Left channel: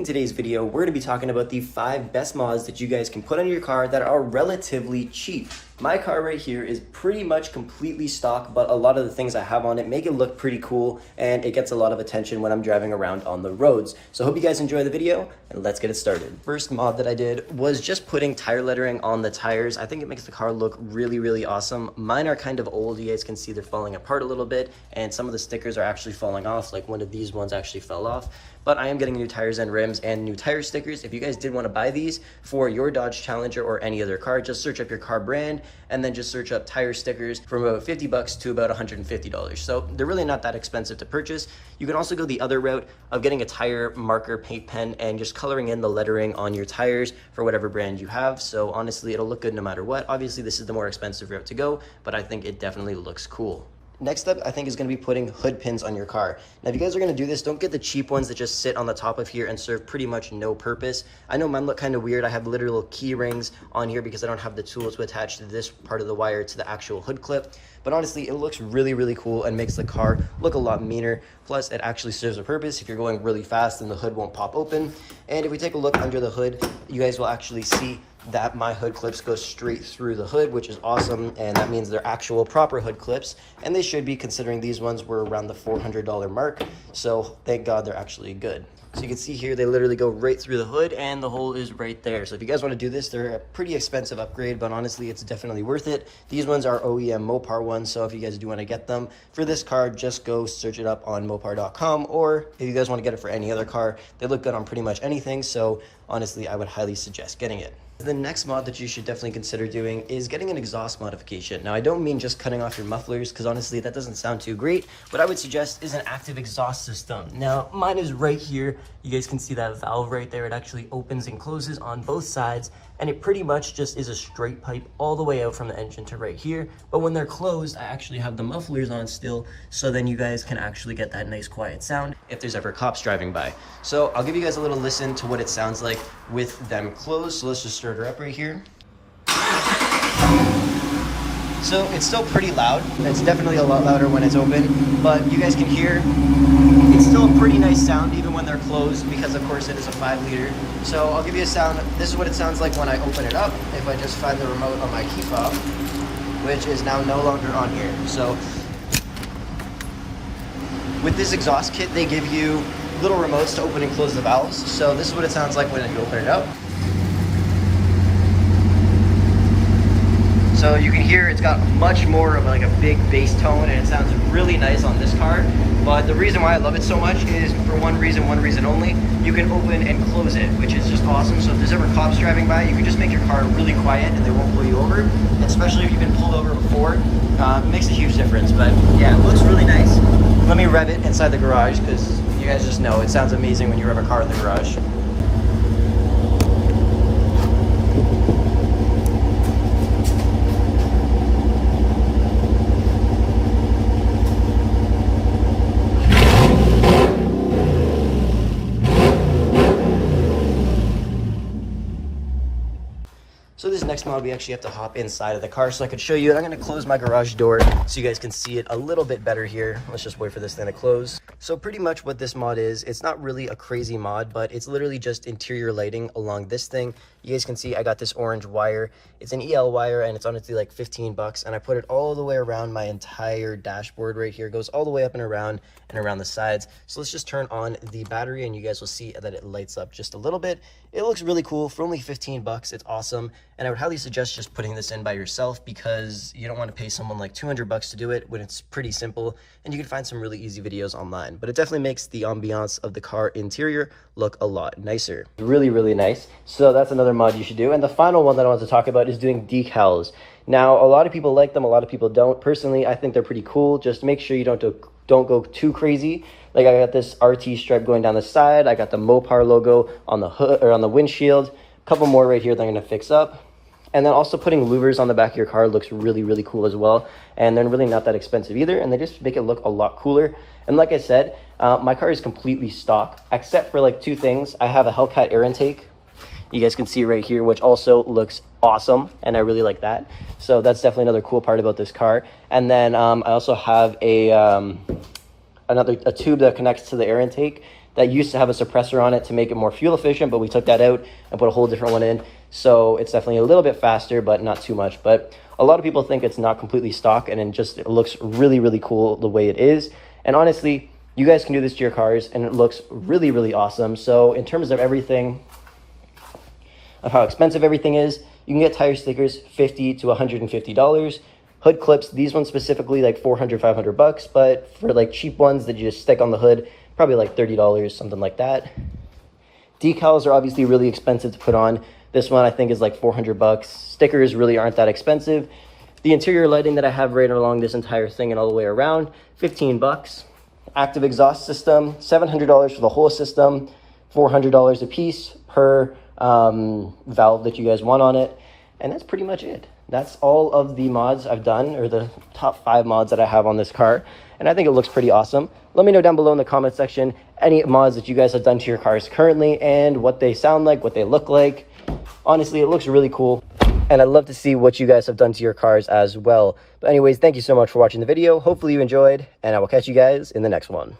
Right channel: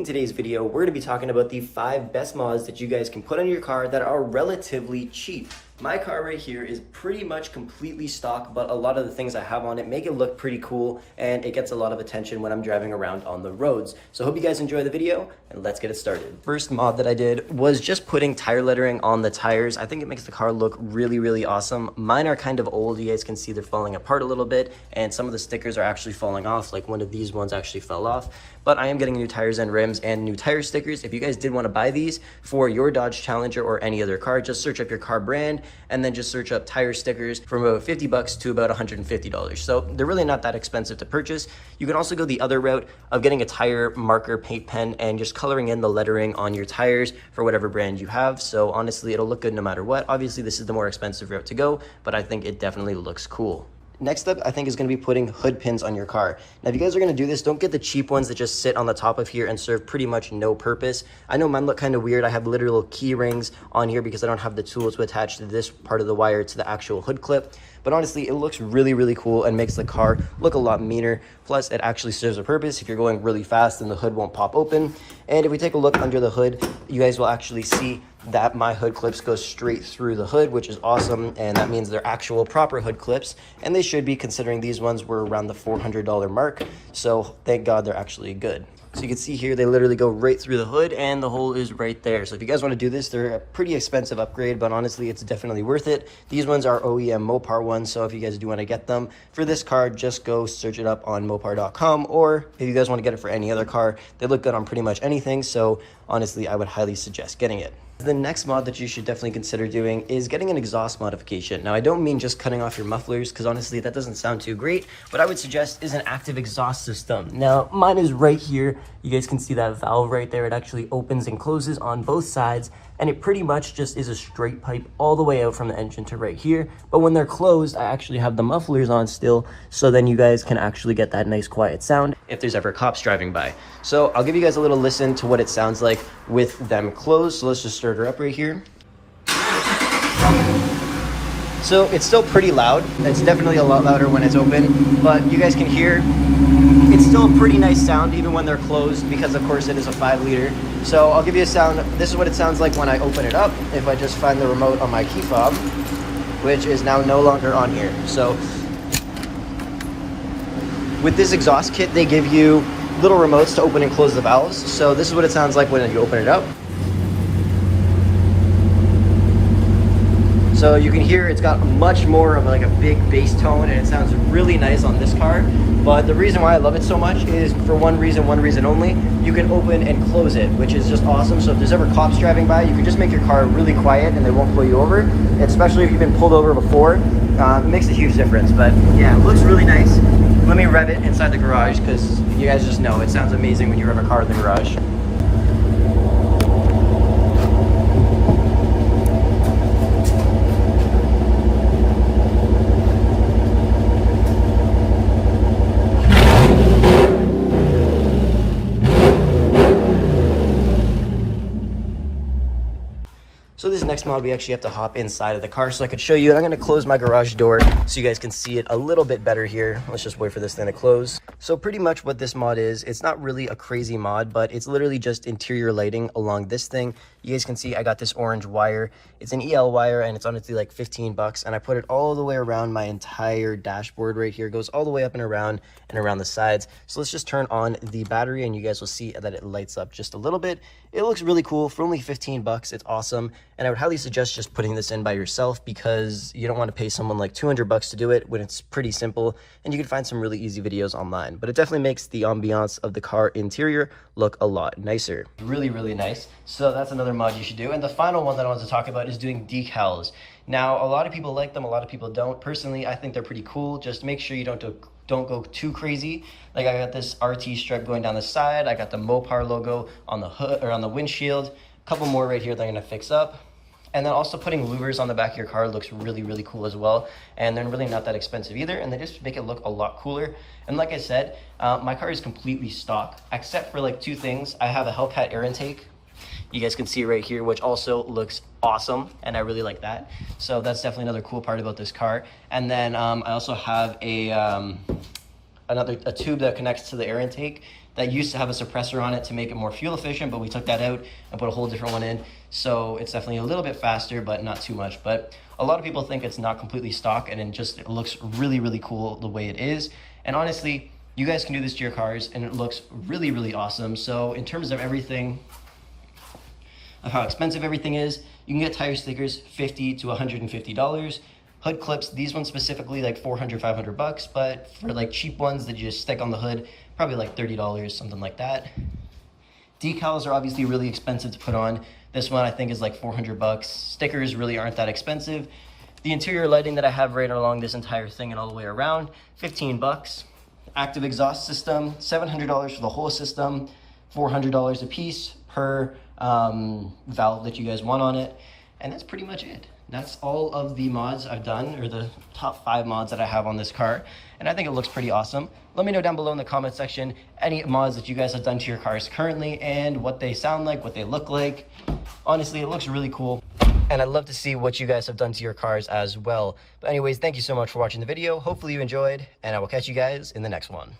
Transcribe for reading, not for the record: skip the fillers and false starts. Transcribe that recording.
In today's video, we're going to be talking about the 5 best mods that you guys can put on your car that are relatively cheap. My car right here is pretty much completely stock, but a lot of the things I have on it make it look pretty cool, and it gets a lot of attention when I'm driving around on the roads. So I hope you guys enjoy the video, and let's get it started. First mod that I did was just putting tire lettering on the tires. I think it makes the car look really awesome. Mine are kind of old. You guys can see they're falling apart a little bit, and some of the stickers are actually falling off, like one of these ones actually fell off. But I am getting new tires and rims and new tire stickers. If you guys did want to buy these for your Dodge Challenger or any other car, just search up your car brand and then just search up tire stickers from about 50 bucks to about $150. So they're really not that expensive to purchase. You can also go the other route of getting a tire marker paint pen and just coloring in the lettering on your tires for whatever brand you have. So honestly, it'll look good no matter what. Obviously, this is the more expensive route to go, but I think it definitely looks cool. Next up, I think, is going to be putting hood pins on your car. Now, if you guys are going to do this, don't get the cheap ones that just sit on the top of here and serve pretty much no purpose. I know mine look kind of weird. I have literal key rings on here because I don't have the tool to attach to this part of the wire to the actual hood clip. But honestly, it looks really cool and makes the car look a lot meaner. Plus, it actually serves a purpose. If you're going really fast, then the hood won't pop open. And if we take a look under the hood, you guys will actually see that my hood clips go straight through the hood, which is awesome, and that means they're actual proper hood clips, and they should be, considering these ones were around the $400 mark, so thank God they're actually good. So you can see here, they literally go right through the hood, and the hole is right there. So if you guys want to do this, they're a pretty expensive upgrade, but honestly, it's definitely worth it. These ones are OEM Mopar ones, so if you guys do want to get them for this car, just go search it up on Mopar.com, or if you guys want to get it for any other car, they look good on pretty much anything, so honestly, I would highly suggest getting it. The next mod that you should definitely consider doing is getting an exhaust modification. Now, I don't mean just cutting off your mufflers, because honestly, that doesn't sound too great. What I would suggest is an active exhaust system. Now, mine is right here. You guys can see that valve right there. It actually opens and closes on both sides, and it pretty much just is a straight pipe all the way out from the engine to right here. But when they're closed, I actually have the mufflers on still, so then you guys can actually get that nice quiet sound if there's ever cops driving by. So I'll give you guys a little listen to what it sounds like with them closed. So let's just start her up right here. So it's still pretty loud. It's definitely a lot louder when it's open, but you guys can hear it's still a pretty nice sound even when they're closed, because of course it is a 5-liter. So I'll give you a sound. This is what it sounds like when I open it up. If I just find the remote on my key fob, which is now no longer on here. So with this exhaust kit, they give you little remotes to open and close the valves. So this is what it sounds like when you open it up. So you can hear it's got much more of like a big bass tone, and it sounds really nice on this car. But the reason why I love it so much is for one reason only: you can open and close it, which is just awesome. So if there's ever cops driving by, you can just make your car really quiet and they won't pull you over, especially if you've been pulled over before. It makes a huge difference. But yeah, it looks really nice. Let me rev it inside the garage, because you guys just know it sounds amazing when you rev a car in the garage. So this next mod, we actually have to hop inside of the car so I could show you. And I'm going to close my garage door so you guys can see it a little bit better here. Let's just wait for this thing to close. So pretty much what this mod is, it's not really a crazy mod, but it's literally just interior lighting along this thing. You guys can see I got this orange wire. It's an EL wire, and it's honestly like 15 bucks. And I put it all the way around my entire dashboard right here. It goes all the way up and around the sides. So let's just turn on the battery, and you guys will see that it lights up just a little bit. It looks really cool for only 15 bucks. It's awesome. And I would highly suggest just putting this in by yourself, because you don't want to pay someone like 200 bucks to do it when it's pretty simple, and you can find some really easy videos online. But it definitely makes the ambiance of the car interior look a lot nicer. Really nice. So that's another mod you should do. And the final one that I want to talk about is doing decals. Now, a lot of people like them, a lot of people don't. Personally, I think they're pretty cool. Just make sure you don't go too crazy. Like, I got this RT stripe going down the side. I got the Mopar logo on the hood, or on the windshield. A couple more right here that I'm going to fix up. And then also putting louvers on the back of your car looks really cool as well. And they're really not that expensive either, and they just make it look a lot cooler. And like I said, my car is completely stock, except for like 2 things. I have a Hellcat air intake. You guys can see right here, which also looks awesome, and I really like that. So that's definitely another cool part about this car. And then I also have a tube that connects to the air intake that used to have a suppressor on it to make it more fuel efficient, but we took that out and put a whole different one in. So it's definitely a little bit faster, but not too much. But a lot of people think it's not completely stock, and it looks really, really cool the way it is. And honestly, you guys can do this to your cars and it looks really, really awesome. So in terms of everything, of how expensive everything is, you can get tire stickers $50 to $150. Hood clips, these ones specifically like 400, 500 bucks, but for like cheap ones that you just stick on the hood, probably like $30, something like that. Decals are obviously really expensive to put on. This one I think is like 400 bucks. Stickers really aren't that expensive. The interior lighting that I have right along this entire thing and all the way around, 15 bucks. Active exhaust system, $700 for the whole system, $400 a piece per valve that you guys want on it. And that's pretty much it. That's all of the mods I've done, or the top 5 mods that I have on this car. And I think it looks pretty awesome. Let me know down below in the comment section any mods that you guys have done to your cars currently and what they sound like, what they look like. Honestly, it looks really cool. And I'd love to see what you guys have done to your cars as well. But anyways, thank you so much for watching the video. Hopefully you enjoyed, and I will catch you guys in the next one.